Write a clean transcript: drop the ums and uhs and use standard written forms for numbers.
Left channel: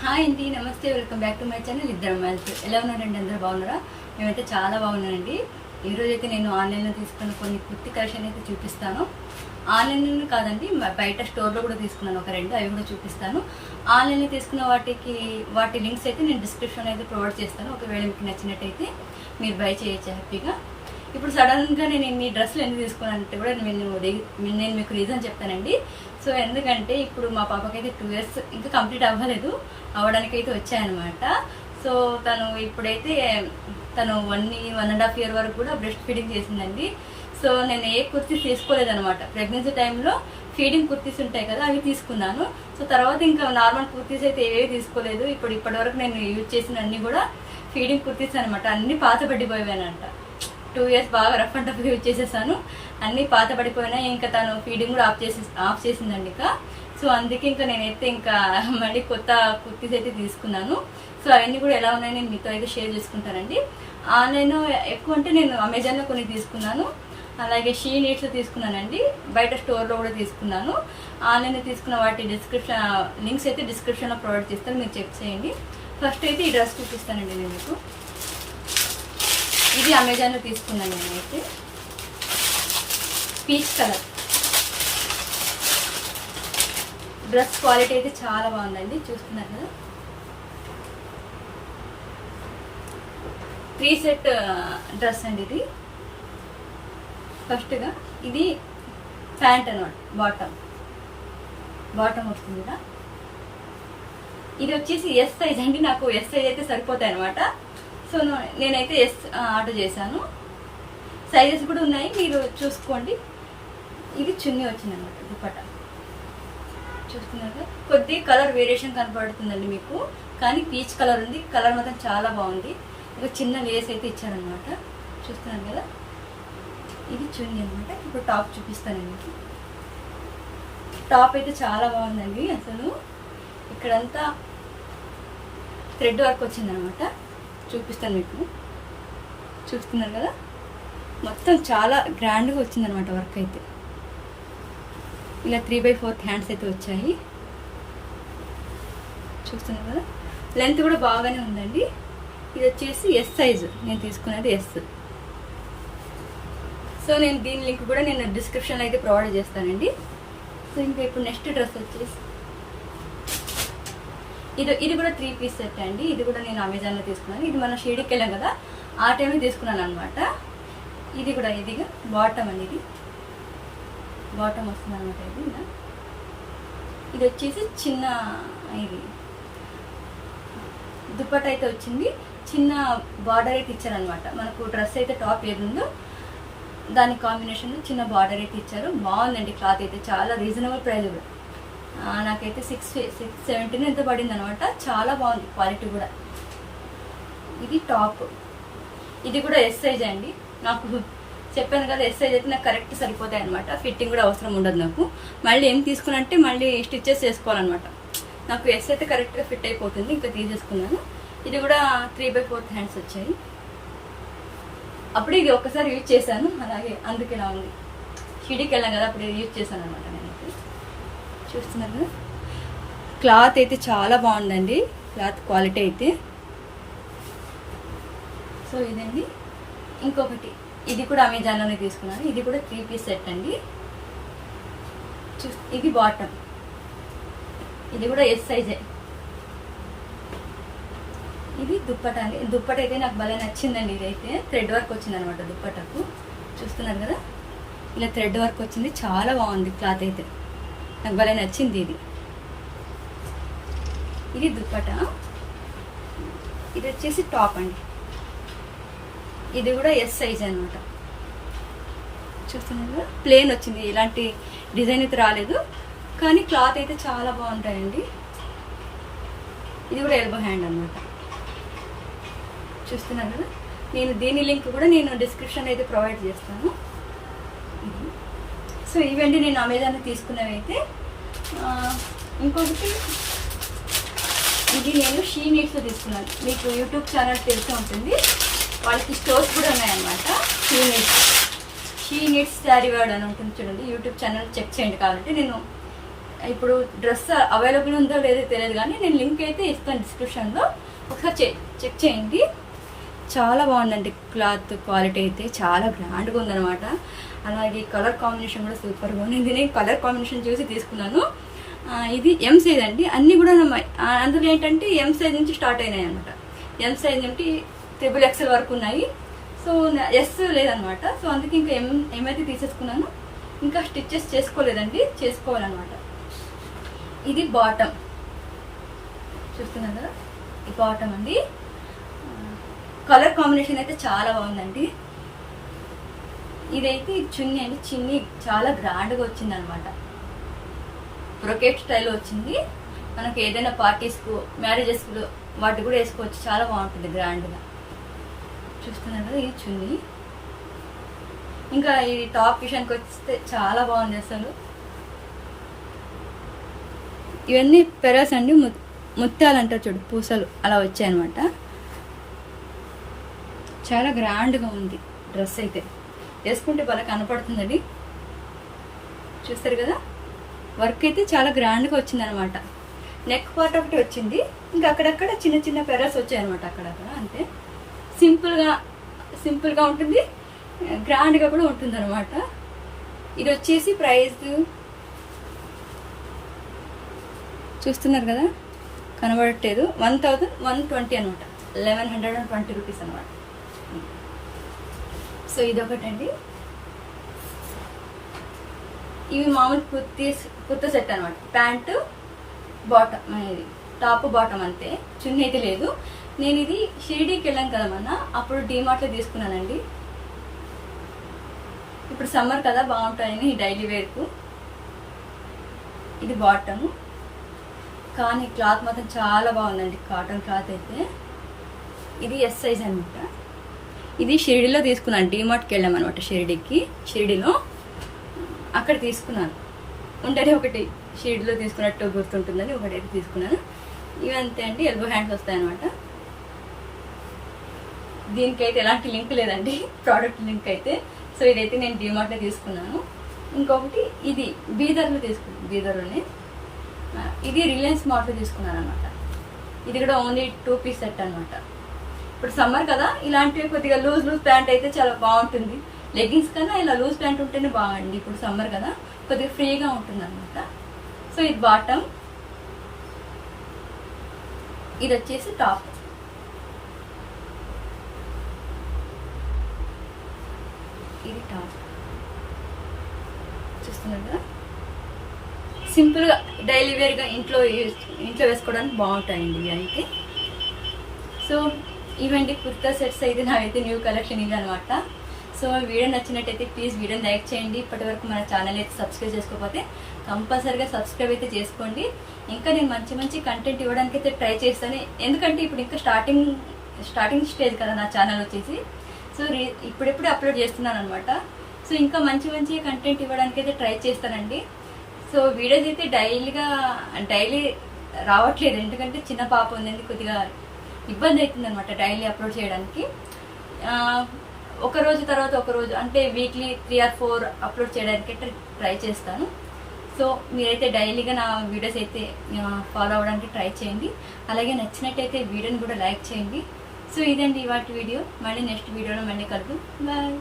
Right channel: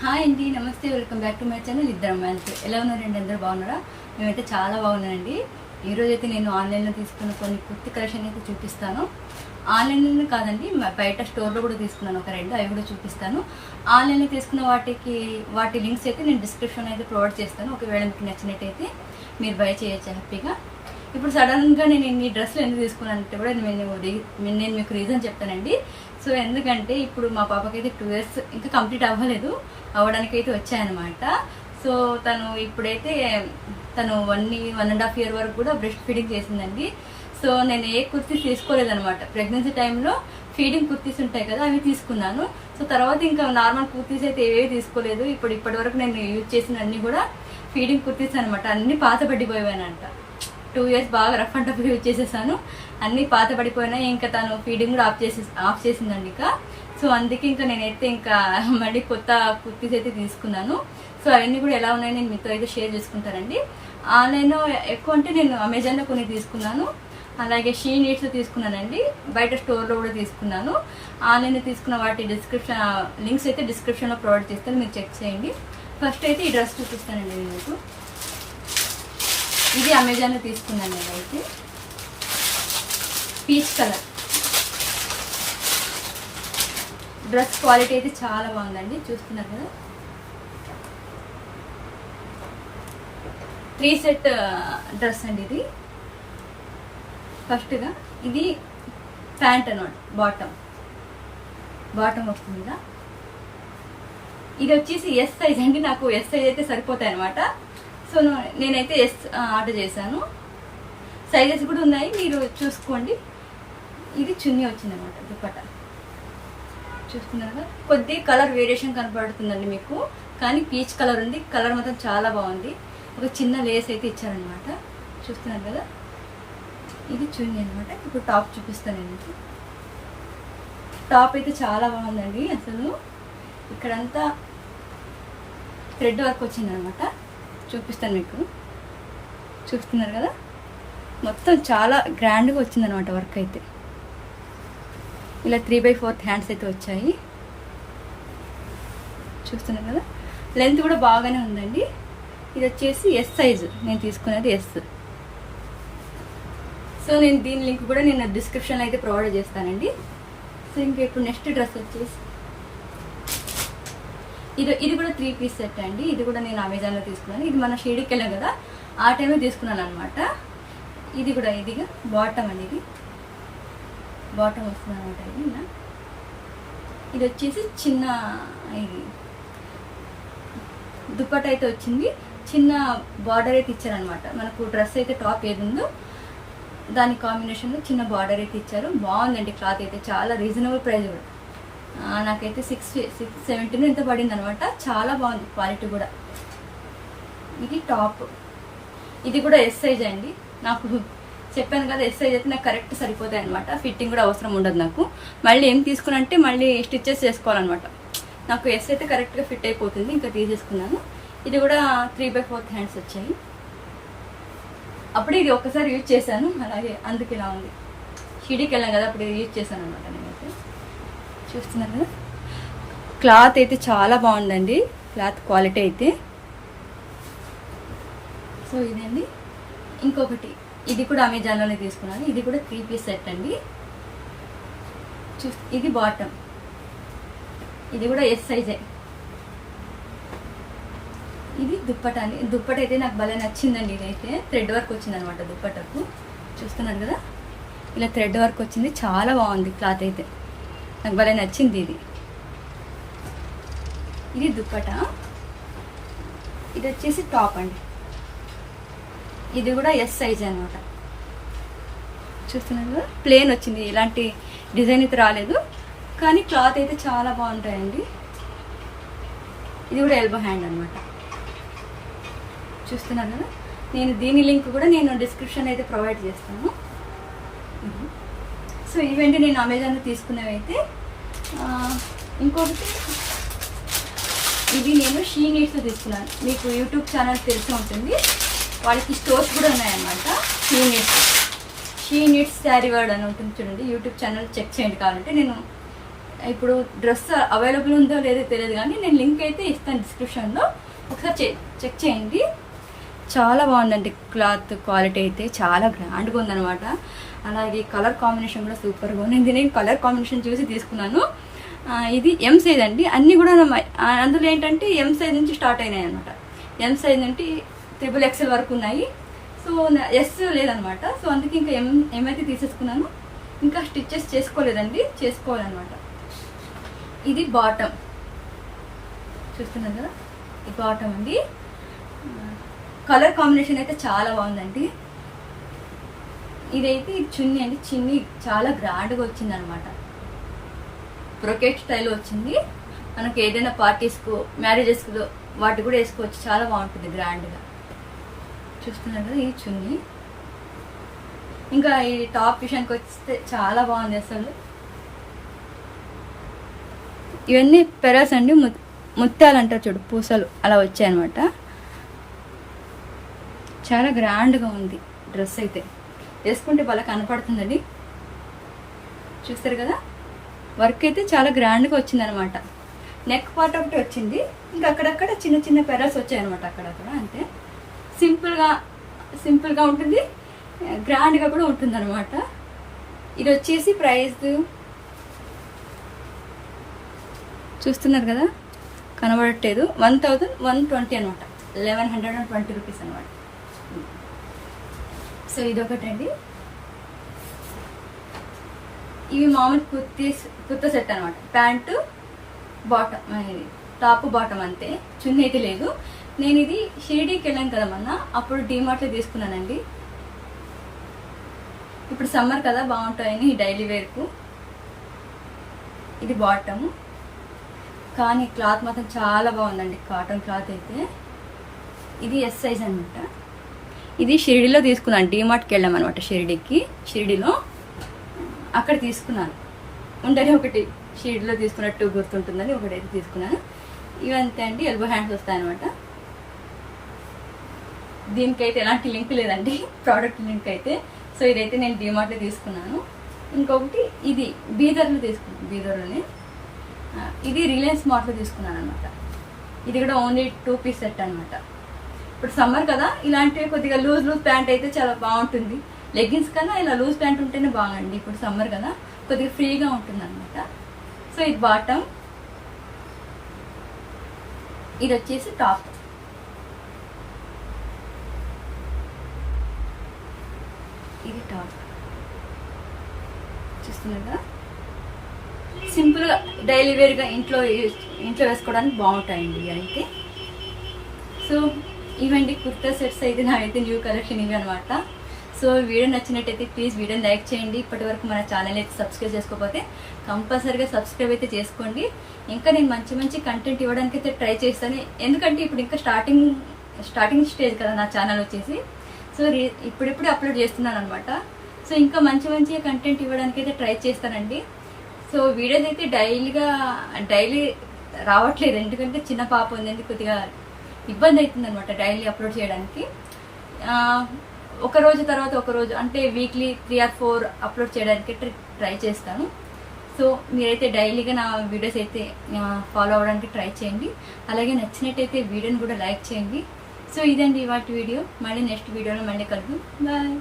Hi అండి, నమస్తే, welcome back to my channel ఇద్దరు అమ్మాయిలకి. ఎలా ఉన్నారండి? అందరూ బాగున్నారా? మేమైతే చాలా బాగున్నానండి. ఈరోజు అయితే నేను ఆన్లైన్లో తీసుకున్న కొన్ని కుర్తి కలెక్షన్ అయితే చూపిస్తాను. ఆన్లైన్లో కాదండి, బయట స్టోర్లో కూడా తీసుకున్నాను ఒక రెండు, అవి కూడా చూపిస్తాను. ఆన్లైన్లో తీసుకున్న వాటి లింక్స్ అయితే నేను డిస్క్రిప్షన్లో అయితే ప్రొవైడ్ చేస్తాను. ఒకవేళ మీకు నచ్చినట్టయితే మీరు బై చేయొచ్చు హ్యాపీగా. ఇప్పుడు సడన్గా నేను ఇన్ని డ్రెస్సులు ఎందుకు తీసుకున్నానంటే కూడా నేను మీకు రీజన్ చెప్తానండి. సో ఎందుకంటే ఇప్పుడు మా పాపకైతే 2 years ఇంకా కంప్లీట్ అవ్వడానికైతే వచ్చాయన్నమాట. సో ఇప్పుడైతే తను 1.5 year వరకు కూడా బ్రెస్ట్ ఫీడింగ్ చేసిందండి. సో నేను ఏ కుర్తీస్ తీసుకోలేదనమాట. ప్రెగ్నెన్సీ టైంలో ఫీడింగ్ కుర్తీస్ ఉంటాయి కదా, అవి తీసుకున్నాను. సో తర్వాత ఇంకా నార్మల్ కుర్తీస్ అయితే ఏవేవి తీసుకోలేదు. ఇప్పటి వరకు నేను యూజ్ చేసిన అన్ని కూడా ఫీడింగ్ కుర్తీస్ అనమాట. అన్ని పాత పడిపోయానంట. 2 years బాగా రఫ్ అండ్ టఫ్ యూజ్ చేసేసాను. అన్ని పాత పడిపోయినాయి. ఇంకా తను ఫీడింగ్ కూడా ఆఫ్ చేసిందండి ఇక. సో అందుకే ఇంకా నేనైతే ఇంకా మళ్ళీ కొత్త కుర్తీస్ అయితే తీసుకున్నాను. సో అవన్నీ కూడా ఎలా ఉన్నాయో నేను మీతో అయితే షేర్ చేసుకుంటానండి. ఆన్లైన్లో ఎక్కువ అంటే నేను అమెజాన్లో కొన్ని తీసుకున్నాను, అలాగే షీ నీడ్స్ తీసుకున్నానండి. బయట స్టోర్లో కూడా తీసుకున్నాను. ఆన్లైన్లో తీసుకున్న వాటి లింక్స్ అయితే డిస్క్రిప్షన్లో ప్రొవైడ్ చేస్తాను, మీరు చెక్ చేయండి. ఫస్ట్ అయితే ఈ డ్రెస్ చూపిస్తానండి నేను మీకు. ఇది అమెజాన్లో తీసుకున్నాను నేనైతే. పీచ్ కలర్ డ్రెస్ క్వాలిటీ అయితే చాలా బాగుందండి, చూస్తున్నారు కదా. 3 set డ్రెస్ అండి ఇది. ఫస్ట్గా ఇది ప్యాంట్ అనమాట, బాటమ్ వస్తుంది కదా. ఇది వచ్చేసి ఎస్ సైజ్ అండి. నాకు ఎస్ సైజ్ అయితే సరిపోతాయి అనమాట. సో నేనైతే ఎస్ ఆర్డర్ చేశాను. సైజెస్ కూడా ఉన్నాయి, మీరు చూసుకోండి. ఇది చున్నీ వచ్చింది అనమాట, దుపట్టా చూస్తున్నారు కదా. కొద్ది కలర్ వేరియేషన్ కనపడుతుందండి మీకు, కానీ పీచ్ కలర్ ఉంది. కలర్ మాత్రం చాలా బాగుంది. ఒక చిన్న లేస్ అయితే ఇచ్చారనమాట, చూస్తున్నారు కదా. ఇది చున్నీ అనమాట. ఇప్పుడు టాప్ చూపిస్తాను మీకు. టాప్ అయితే చాలా బాగుందండి. అసలు ఇక్కడంతా థ్రెడ్ వర్క్ వచ్చిందనమాట, చూపిస్తాను మీకు. చూస్తున్నారు కదా, మొత్తం చాలా గ్రాండ్గా వచ్చిందనమాట వర్క్ అయితే. ఇలా 3/4 హ్యాండ్స్ అయితే వచ్చాయి, చూస్తున్నారు కదా. లెంత్ కూడా బాగానే ఉందండి. ఇది వచ్చేసి ఎస్ సైజు, నేను తీసుకున్నది ఎస్. సో నేను దీని లింక్ కూడా నేను డిస్క్రిప్షన్లో అయితే ప్రొవైడ్ చేస్తానండి. సో ఇంకా ఇప్పుడు నెక్స్ట్ డ్రెస్ వచ్చేసి ఇది కూడా 3 piece సెట్ అండి. ఇది కూడా నేను అమెజాన్లో తీసుకున్నాను. ఇది మన షేడ్కి వెళ్ళాం కదా, ఆ టైంలో తీసుకున్నాను అనమాట. ఇది కూడా ఇదిగా బాటమ్ అండి. ఇది బాటమ్ వస్తుంది అనమాట. ఇది వచ్చేసి చిన్న ఇది దుప్పట అయితే వచ్చింది. చిన్న బార్డర్ అయితే ఇచ్చారనమాట. మనకు డ్రెస్ అయితే టాప్ ఏది ఉందో దాని కాంబినేషన్లో చిన్న బార్డర్ అయితే ఇచ్చారు. బాగుందండి. క్లాత్ అయితే చాలా రీజనబుల్ ప్రైస్ కూడా. నాకైతే 670 ఎంత పడింది అనమాట. చాలా బాగుంది క్వాలిటీ కూడా. ఇది టాప్. ఇది కూడా ఎస్ సైజ్ అండి. నాకు చెప్పాను కదా, ఎస్ సైజ్ అయితే నాకు కరెక్ట్ సరిపోతాయి అనమాట. ఫిట్టింగ్ కూడా అవసరం ఉండదు నాకు. మళ్ళీ ఏం తీసుకున్నంటే మళ్ళీ స్టిచ్చెస్ చేసుకోవాలన్నమాట. నాకు ఎస్ అయితే కరెక్ట్గా ఫిట్ అయిపోతుంది, ఇంకా తీసేసుకున్నాను. ఇది కూడా 3/4 హ్యాండ్స్ వచ్చాయి. అప్పుడు ఇది ఒక్కసారి యూజ్ చేశాను, అలాగే అందుకు ఇలా ఉంది. షిడికి వెళ్ళాం కదా, అప్పుడు యూజ్ చేశాను అనమాట నేనైతే. చూస్తున్నారు కదా, క్లాత్ అయితే చాలా బాగుందండి. క్లాత్ క్వాలిటీ అయితే. సో ఇదండి. ఇంకొకటి ఇది కూడా అమెజాన్లోనే తీసుకున్నాను. ఇది కూడా 3 piece సెట్ అండి. ఇది బాటమ్. ఇది కూడా ఎస్ సైజే. ఇది దుప్పట అండి. దుప్పట అయితే నాకు భలే నచ్చిందండి. ఇదైతే థ్రెడ్ వర్క్ వచ్చింది అనమాట దుప్పటకు. చూస్తున్నారు కదా, ఇలా థ్రెడ్ వర్క్ వచ్చింది. చాలా బాగుంది క్లాత్ అయితే, నాకు భలే నచ్చింది ఇది. ఇది దుప్పట. ఇది వచ్చేసి టాప్ అండి. ఇది కూడా ఎస్ సైజ్ అనమాట. చూస్తున్నారు కదా, ప్లేన్ వచ్చింది. ఇలాంటి డిజైన్ అయితే రాలేదు, కానీ క్లాత్ అయితే చాలా బాగుంటాయండి. ఇది కూడా ఎల్బో హ్యాండ్ అనమాట. చూస్తున్నారు కదా. నేను దీని లింక్ కూడా నేను డిస్క్రిప్షన్ అయితే ప్రొవైడ్ చేస్తాను. సో ఇవండి నేను అమెజాన్లో తీసుకున్నవి అయితే. ఇంకొకటి ఇది నేను షీ నీడ్స్లో తీసుకున్నాను. మీకు యూట్యూబ్ ఛానల్ తెలిసే ఉంటుంది, వాళ్ళకి స్టోర్స్ కూడా ఉన్నాయన్నమాట. షీ నీడ్స్ శారీ వర్డ్ అని ఉంటుంది చూడండి, యూట్యూబ్ ఛానల్ చెక్ చేయండి. కావాలంటే నేను ఇప్పుడు డ్రెస్ అవైలబుల్ ఉందో లేదో తెలియదు కానీ నేను లింక్ అయితే ఇస్తాను డిస్క్రిప్షన్లో, ఒకసారి చెక్ చేయండి. చాలా బాగుందండి క్లాత్ క్వాలిటీ అయితే, చాలా గ్రాండ్గా ఉందన్నమాట. అలాగే కలర్ కాంబినేషన్ కూడా సూపర్గా ఉంది. నేను కలర్ కాంబినేషన్ చూసి తీసుకున్నాను. ఇది ఎం సైజ్ అండి. అన్నీ కూడా అందులో ఏంటంటే ఎం సైజ్ నుంచి స్టార్ట్ అయినాయి అనమాట. ఎం సైజ్ నుండి XXL వరకు ఉన్నాయి. సో ఎస్ లేదనమాట. సో అందుకే ఇంకా ఏమైతే తీసేసుకున్నాను, ఇంకా స్టిచ్చెస్ చేసుకోలేదండి, చేసుకోవాలన్నమాట. ఇది బాటమ్ చూస్తున్నారు కదా, ఈ బాటమ్ అండి. కలర్ కాంబినేషన్ అయితే చాలా బాగుందండి. ఇదైతే చున్నీ అండి. చున్నీ చాలా గ్రాండ్గా వచ్చింది అనమాట. బ్రొకెట్ స్టైల్ వచ్చింది. మనకి ఏదైనా పార్టీస్కు, మ్యారేజెస్కు వాటి కూడా వేసుకోవచ్చు. చాలా బాగుంటుంది గ్రాండ్గా. చూస్తున్నారు కదా, ఈ చున్నీ. ఇంకా ఈ టాప్ విషయానికి వస్తే చాలా బాగుంది అసలు. ఇవన్నీ పెరస్ అండి, ముత్యాలు అంటారు చూడు, పూసలు అలా వచ్చాయన్నమాట. చాలా గ్రాండ్గా ఉంది డ్రెస్ అయితే, వేసుకుంటే బాగా కనపడుతుందండి. చూస్తారు కదా, వర్క్ అయితే చాలా గ్రాండ్గా వచ్చిందనమాట. నెక్ పార్ట్ ఒకటి వచ్చింది, ఇంకా అక్కడక్కడ చిన్న చిన్న పెరస్ వచ్చాయన్నమాట, అక్కడక్కడ. అంతే సింపుల్గా ఉంటుంది, గ్రాండ్గా కూడా ఉంటుంది అనమాట. ఇది వచ్చేసి ప్రైస్ చూస్తున్నారు కదా, కనబడట్లేదు, 1120 అనమాట. 1120 రూపీస్ అనమాట. సో ఇదొకటండి. ఇవి మామూలు కుర్తా సెట్ అనమాట. ప్యాంటు బాటమ్, టాప్ బాటమ్ అంతే, చున్నీ అయితే లేదు. నేను ఇది షిరిడీకి వెళ్ళాను కదా మొన్న, అప్పుడు డీమార్ట్లో తీసుకున్నానండి. ఇప్పుడు సమ్మర్ కదా, బాగుంటాయని డైలీ వేర్కు. ఇది బాటము, కానీ క్లాత్ మాత్రం చాలా బాగుందండి, కాటన్ క్లాత్ అయితే. ఇది ఎస్ సైజ్ అనమాట. ఇది షిరిడీలో తీసుకున్నాను, డీమార్ట్కి వెళ్ళామన్నమాట. షిరిడీలో అక్కడ తీసుకున్నాను. ఉంటేనే ఒకటి షిరిడీలో తీసుకున్నట్టు గుర్తుంటుందని ఒకటైతే తీసుకున్నాను. ఇవంతే అండి, ఎల్బో హ్యాండ్స్ వస్తాయన్నమాట. దీనికైతే ఎలాంటి లింక్ లేదండి, ప్రోడక్ట్ లింక్ అయితే. సో ఇదైతే నేను డీమార్ట్లో తీసుకున్నాను. ఇంకొకటి ఇది బీదర్లోనే. ఇది రిలయన్స్ మార్ట్లో తీసుకున్నాను అనమాట. ఇది కూడా ఓన్లీ 2 పీస్ సెట్ అనమాట. ఇప్పుడు సమ్మర్ కదా, ఇలాంటివి కొద్దిగా లూజ్ ప్యాంట్ అయితే చాలా బాగుంటుంది. లెగ్గిన్స్ కన్నా ఇలా లూజ్ ప్యాంట్ ఉంటేనే బాగుండి. ఇప్పుడు సమ్మర్ కదా, కొద్దిగా ఫ్రీగా ఉంటుంది అనమాట. సో ఇది బాటమ్, ఇది వచ్చేసి టాప్. ఇది టాప్ చూస్తున్నారు కదా, సింపుల్గా డైలీ వేర్గా ఇంట్లో వేసుకోవడానికి బాగుంటాయండి ఇవి అయితే. సో ఇవండి కుర్తా సెట్స్ అయితే నావైతే న్యూ కలెక్షన్ ఇవి అనమాట. సో వీడియో నచ్చినట్టయితే ప్లీజ్ వీడియోని లైక్ చేయండి. ఇప్పటి వరకు మన ఛానల్ అయితే సబ్స్క్రైబ్ చేసుకోకపోతే కంపల్సరీగా సబ్స్క్రైబ్ అయితే చేసుకోండి. ఇంకా నేను మంచి కంటెంట్ ఇవ్వడానికి అయితే ట్రై చేస్తాను. ఎందుకంటే ఇప్పుడు ఇంకా స్టార్టింగ్ స్టేజ్ కదా నా ఛానల్ వచ్చేసి. సో ఇప్పుడిప్పుడే అప్లోడ్ చేస్తున్నాను అనమాట. సో ఇంకా మంచి కంటెంట్ ఇవ్వడానికి అయితే ట్రై చేస్తానండి. సో వీడియోస్ అయితే డైలీ రావట్లేదు, ఎందుకంటే చిన్న పాప ఉంది, కొద్దిగా ఇబ్బంది అవుతుంది అనమాట డైలీ అప్లోడ్ చేయడానికి. ఒక రోజు తర్వాత ఒక రోజు అంటే వీక్లీ 3 or 4 అప్లోడ్ చేయడానికి ట్రై చేస్తాను. సో మీరైతే డైలీగా నా వీడియోస్ అయితే ఫాలో అవ్వడానికి ట్రై చేయండి. అలాగే నచ్చినట్టయితే వీడియోని కూడా లైక్ చేయండి. సో ఇదండి ఇవాటి వీడియో. మళ్ళీ నెక్స్ట్ వీడియోలో మళ్ళీ కలుద్దాం. బాయ్.